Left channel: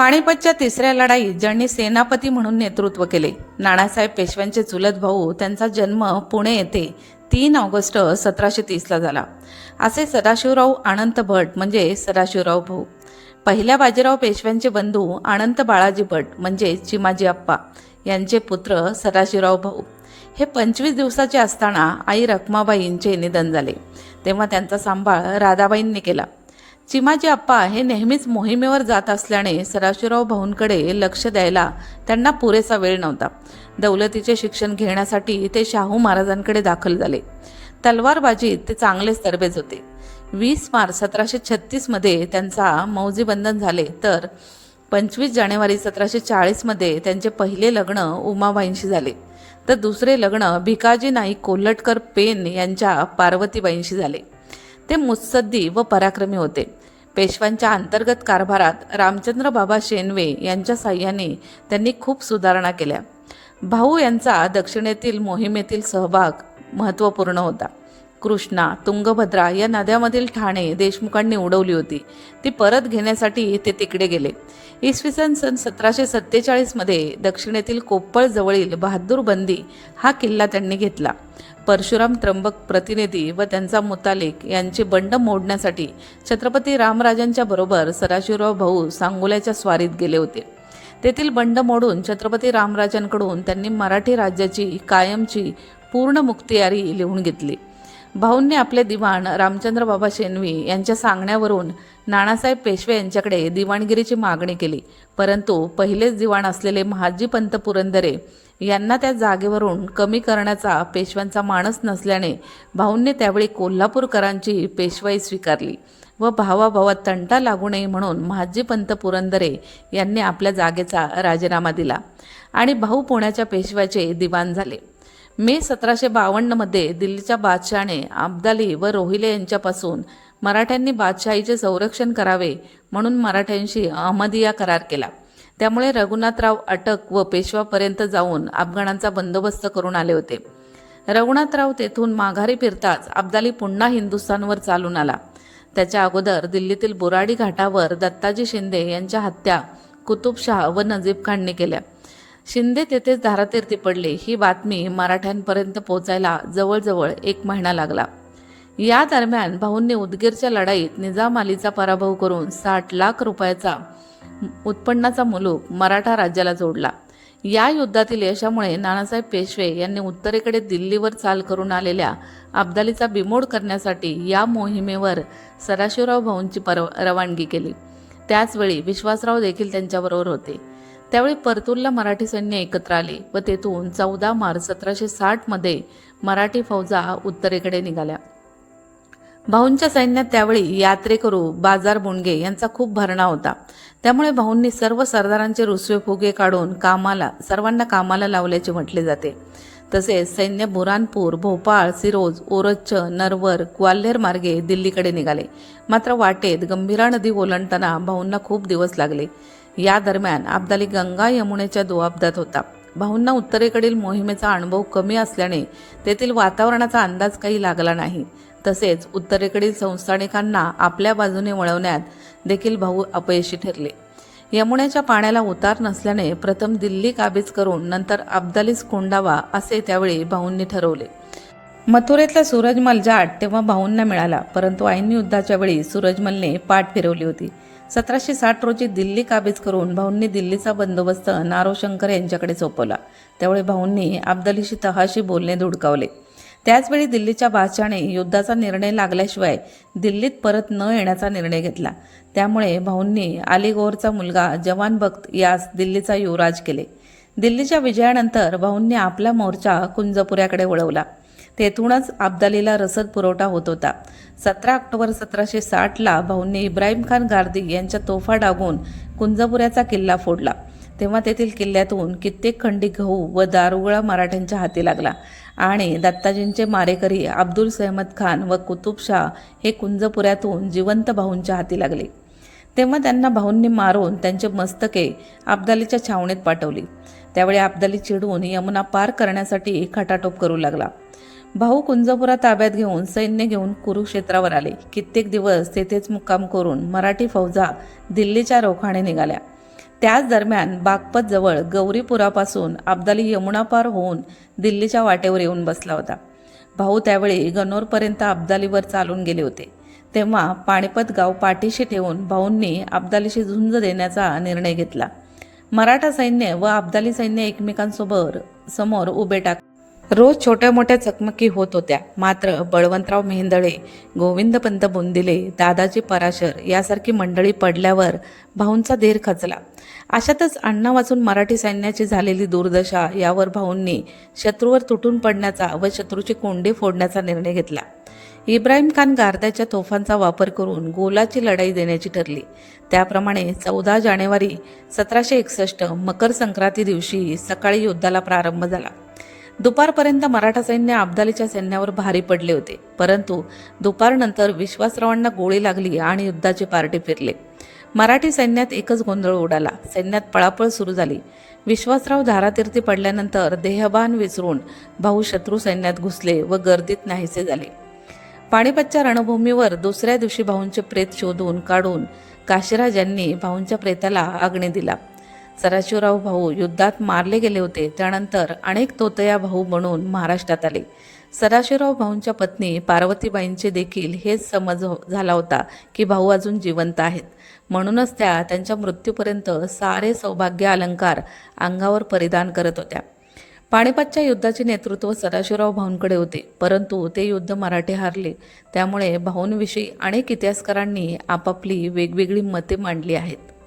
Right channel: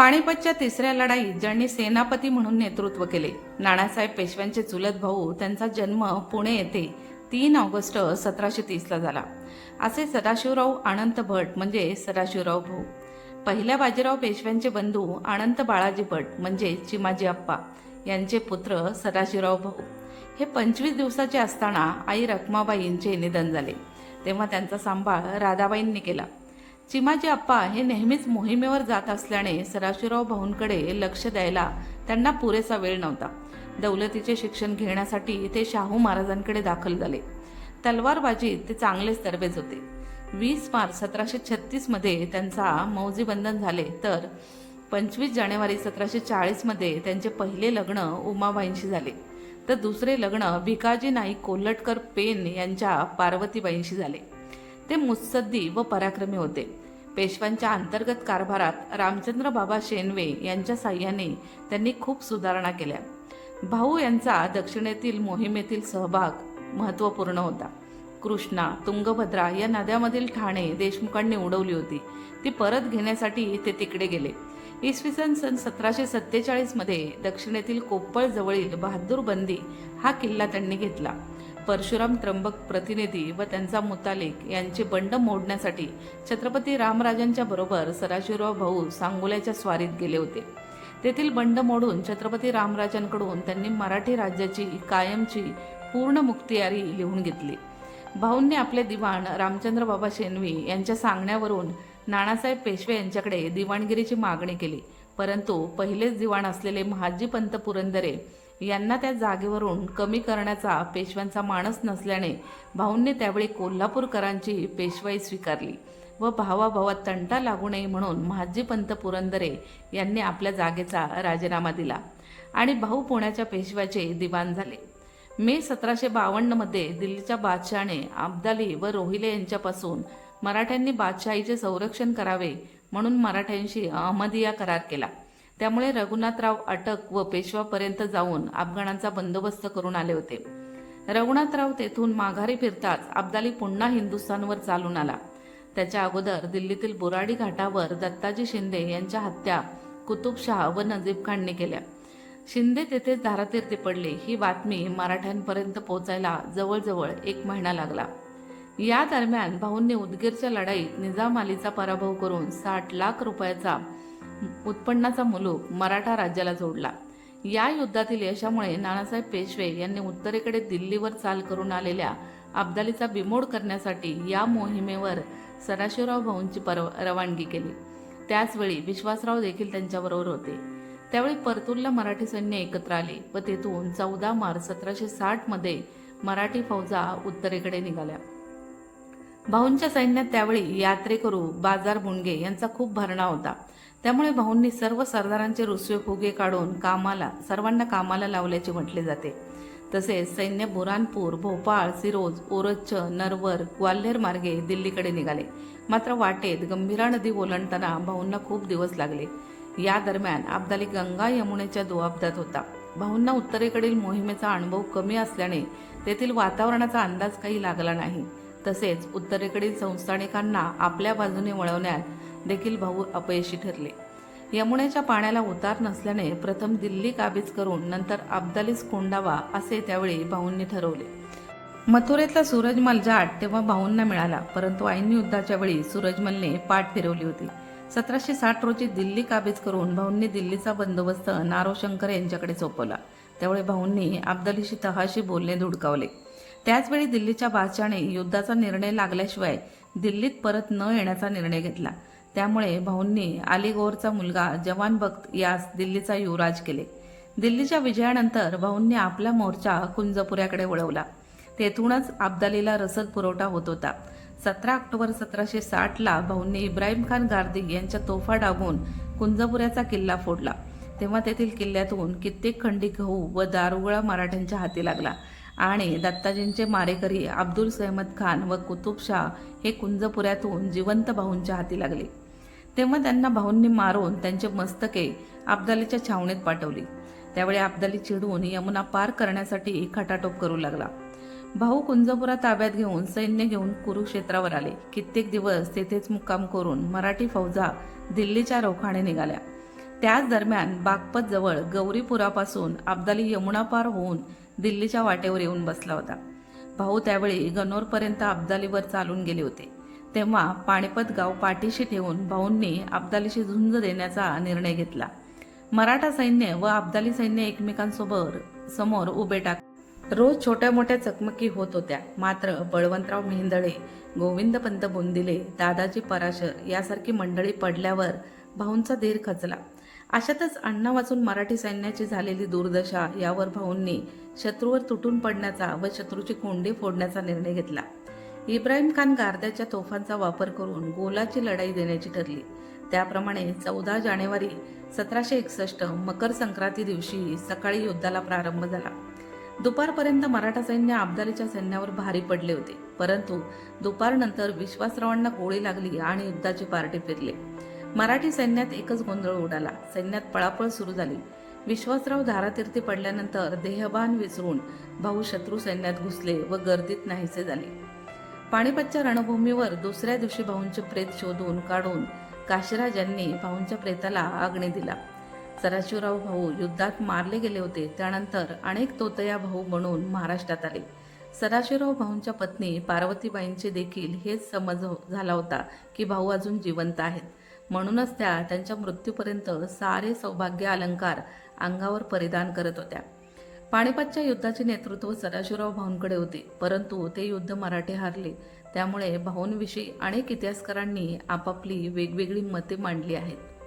पाणीपतच्या तिसऱ्या लढाईत ज्यांनी सेनापती म्हणून नेतृत्व केले नानासाहेब पेशव्यांचे चुलत भाऊ त्यांचा जन्म पुणे येथे तीन ऑगस्ट सतराशे तीसला झाला. असे सदाशिवराव अनंत भट म्हणजे सदाशिवराव भाऊ. पहिल्या बाजीराव पेशव्यांचे बंधू अनंत बाळाजी भट म्हणजे चिमाजी अप्पा यांचे पुत्र सदाशिवराव भाऊ. हे पंचवीस दिवसाचे असताना आई रखमाबाईंचे निधन झाले. तेव्हा त्यांचा सांभाळ राधाबाईंनी केला. चिमाजी अप्पा हे नेहमीच मोहिमेवर जात असल्याने सदाशिवराव भाऊंकडे लक्ष द्यायला त्यांना पुरेसा वेळ नव्हता. दौलतीचे शिक्षण घेण्यासाठी ते शाहू महाराजांकडे दाखल झाले. तलवारबाजीत ते चांगलेच तरबेज होते. वीस मार्च सतराशे छत्तीसमध्ये त्यांचा मौजीबंधन झाले तर पंचवीस जानेवारी सतराशे चाळीसमध्ये त्यांचे पहिले लग्न उमाबाईंशी झाले. तर दुसरे लग्न भिकाजी नाईक कोल्हटकर पेन यांच्या पार्वतीबाईंशी झाले. ते मुत्सद्दी व पराक्रमी होते. पेशवांच्या अंतर्गत कारभारात रामचंद्र बाबा शेनवे यांच्या साह्याने त्यांनी खूप सुधारणा केल्या. भाऊ यांचा दक्षिणेतील मोहिमेतील सहभाग महत्त्वपूर्ण होता. कृष्णा तुंगभद्रा या नद्यामधील ठाणे देशमुखांनी उडवली होती. ती परत घेण्यासाठी ते तिकडे गेले. इसवी सन सन सतराशे सत्तेचाळीसमध्ये दक्षिणेतील कोप्पळ जवळील बहादूर बंदी हा किल्ला त्यांनी घेतला. परशुराम त्र्यंबक प्रतिनिधी व त्यांचा मुतालिक यांचे बंड मोडण्यासाठी छत्रपती रामराजांच्या बरोबर सदाशिवराव भाऊ सांगोल्याच्या स्वारीत गेले होते. तेथील बंड मोडून छत्रपती रामराजांकडून त्यांनी मराठी राज्याची कायमची पूर्ण मुक्तियारी लिहून घेतली. भाऊंनी आपले दिवाण रामचंद्र बाबा शेनवी यांच्या सांगण्यावरून नानासाहेब पेशवे यांच्याकडे दिवाणगिरीची मागणी केली. परंतु पहिलेच दिवाण असलेले महाजी पंत पुरंदरे यांना त्या जागेवरून कमी करण्याचा पेशव्यांचा मानस नसल्याने भाऊंनी त्यावेळी कोल्हापूरकरांची पेशवाई स्वीकारली व भावाभावात तंटा लागू नये म्हणून महाजी पंत पुरंदरे यांनी आपल्या जागेचा राजीनामा दिला आणि भाऊ पुण्याच्या पेशव्याचे दिवाण झाले. मे सतराशे बावन्नमध्ये दिल्लीच्या बादशहाने अब्दाली व रोहिले यांच्यापासून मराठ्यांनी बादशाहीचे संरक्षण करावे म्हणून मराठ्यांशी अहमदिया करार केला. त्यामुळे रघुनाथराव अटक व पेशवापर्यंत जाऊन अफगाणांचा बंदोबस्त करून आले होते. रघुनाथराव तेथून माघारी फिरताच अब्दाली पुन्हा हिंदुस्थानवर चालून आला. त्याच्या अगोदर दिल्लीतील बुराडी घाटावर दत्ताजी शिंदे यांच्या हत्या कुतुबशाह व नजीब खानने केल्या. शिंदे तेथेच धारातीर्थी पडले. ही बातमी मराठ्यांपर्यंत पोहोचायला जवळजवळ एक महिना लागला. या दरम्यान भाऊंनी उदगीरच्या लढाईत निजाम अलीचा पराभव करून साठ लाख रुपयाचा उत्पन्नाचा मुलूक मराठा राज्याला जोडला. या युद्धातील यशामुळे नानासाहेब पेशवे यांनी उत्तरेकडे दिल्लीवर चाल करून आलेल्या अब्दालीचा बिमोड करण्यासाठी या मोहिमेवर सदाशिवराव भाऊंची परव रवानगी केली. त्याचवेळी विश्वासराव देखील त्यांच्याबरोबर होते. त्यावेळी परतूरला मराठी सैन्य एकत्र आले व तेथून चौदा मार्च सतराशे साठमध्ये मराठी फौजा उत्तरेकडे निघाल्या. भाऊंच्या सैन्यात त्यावेळी यात्रेकरू बाजार बुणगे यांचा खूप भरणा होता. त्यामुळे भाऊंनी सर्व सरदारांचे रुसवे फुगे काढून कामाला सर्वांना कामाला लावल्याचे म्हटले जाते. तसेच सैन्य बुरानपूर भोपाळ सिरोज ओरच्छ नरवर ग्वाल्हेर मार्गे दिल्लीकडे निघाले. मात्र वाटेत गंभीरा नदी ओलांडताना भाऊंना खूप दिवस लागले. या दरम्यान अब्दाली गंगा यमुनेच्या दुआबदात होता. भाऊंना उत्तरेकडील मोहिमेचा अनुभव कमी असल्याने तेथील वातावरणाचा अंदाज काही लागला नाही. तसेच उत्तरेकडील संस्थानिकांना आपल्या बाजूने वळवण्यात देखील भाऊ अपयशी ठरले. यमुनेच्या पाण्याला उतार नसल्याने प्रथम दिल्ली काबीज करून नंतर अब्दालीस कोंडावा असे त्यावेळी भाऊंनी ठरवले. मथुरेतला सूरजमल जाट तेव्हा भाऊंना मिळाला परंतु ऐन युद्धाच्या वेळी सूरजमलने पाठ फिरवली होती. सतराशे साठ रोजी दिल्ली काबीज करून भाऊंनी दिल्लीचा बंदोबस्त नारोशंकर यांच्याकडे सोपवला. त्यावेळी भाऊंनी अब्दालीशी तहाशी बोलणे धुडकावले. त्याचवेळी दिल्लीच्या बादशाने युद्धाचा निर्णय लागल्याशिवाय दिल्लीत परत न येण्याचा निर्णय घेतला. त्यामुळे भाऊंनी अलीगोरचा मुलगा जवान बख्त यास दिल्लीचा युवराज केले. दिल्लीच्या विजयानंतर भाऊंनी आपला मोर्चा कुंजपुऱ्याकडे वळवला. तेथूनच अब्दालीला रसद पुरवठा होत होता. सतरा ऑक्टोबर सतराशे साठला भाऊंनी इब्राहिम खान गार्दी यांच्या तोफा डागून कुंजपुऱ्याचा किल्ला फोडला. तेव्हा तेथील किल्ल्यातून कित्येक खंडी गहू व दारुगळा मराठ्यांच्या हाती लागला. आणि दत्ताजींचे मारेकरी अब्दुल सहमद खान व कुतुबशाह हे कुंजपुऱ्यातून जिवंत भाऊंच्या हाती लागले. तेव्हा त्यांना भाऊंनी मारून त्यांचे मस्तके अब्दालीच्या छावणीत पाठवली. त्यावेळी अब्दाली चिडून यमुना पार करण्यासाठी खटाटोप करू लागला. भाऊ कुंजपुरा ताब्यात घेऊन सैन्य घेऊन कुरुक्षेत्रावर आले. कित्येक दिवस तेथेच मुक्काम करून मराठी फौजा दिल्लीच्या रोखाने निघाल्या. त्याच दरम्यान बागपत जवळ गौरीपुरापासून अब्दाली यमुना पार होऊन दिल्लीच्या वाटेवर येऊन बसला होता. भाऊ त्यावेळी गनोरपर्यंत अब्दालीवर चालून गेले होते. तेव्हा पाणीपत गाव पाठीशी ठेवून भाऊंनी अब्दालीशी झुंज देण्याचा निर्णय घेतला. मराठा सैन्य व अब्दाली सैन्य एकमेकांसोबत समोर उभे टाक रोज छोट्या मोठ्या चकमकी होत होत्या. मात्र बळवंतराव मेहेंदळे गोविंदपंत बोंदिले दादाजी पराशर यासारखी मंडळी पडल्यावर भाऊंचा धीर खचला. अशातच अण्णा वाचून मराठी सैन्याची झालेली दुर्दशा यावर भाऊंनी शत्रूवर तुटून पडण्याचा व शत्रूची कोंडी फोडण्याचा निर्णय घेतला. इब्राहिम खान गारद्याच्या तोफांचा वापर करून गोलाची लढाई देण्याची ठरली. त्याप्रमाणे चौदा जानेवारी सतराशे एकसष्ट मकर संक्रांती दिवशी सकाळी युद्धाला प्रारंभ झाला. दुपारपर्यंत मराठा सैन्य अब्दालीच्या सैन्यावर भारी पडले होते. परंतु दुपारनंतर विश्वासरावांना गोळी लागली आणि युद्धाचे पार्टी फिरले. मराठी सैन्यात एकच गोंधळ उडाला. सैन्यात पळापळ सुरू झाली. विश्वासराव धारातीर्थी पडल्यानंतर देहबान विसरून भाऊ शत्रू सैन्यात घुसले व गर्दीत नाहीसे झाले. पाणीपतच्या रणभूमीवर दुसऱ्या दिवशी भाऊंचे प्रेत शोधून काढून काशीराज यांनी भाऊंच्या प्रेताला आग्ने दिला. सदाशिवराव भाऊ युद्धात मारले गेले होते. त्यानंतर अनेक तोतया भाऊ म्हणून महाराष्ट्रात आले. सदाशिवराव भाऊंच्या पत्नी पार्वतीबाईंचे देखील हेच समज हो- झाला होता की भाऊ अजून जिवंत आहेत. म्हणूनच त्या त्यांच्या मृत्यूपर्यंत सारे सौभाग्य अलंकार अंगावर परिधान करत होत्या. पाणीपतच्या युद्धाचे नेतृत्व सदाशिवराव भाऊंकडे होते. परंतु ते युद्ध मराठे हारले. त्यामुळे भाऊंविषयी अनेक इतिहासकारांनी आपापली वेगवेगळी मते मांडली आहेत.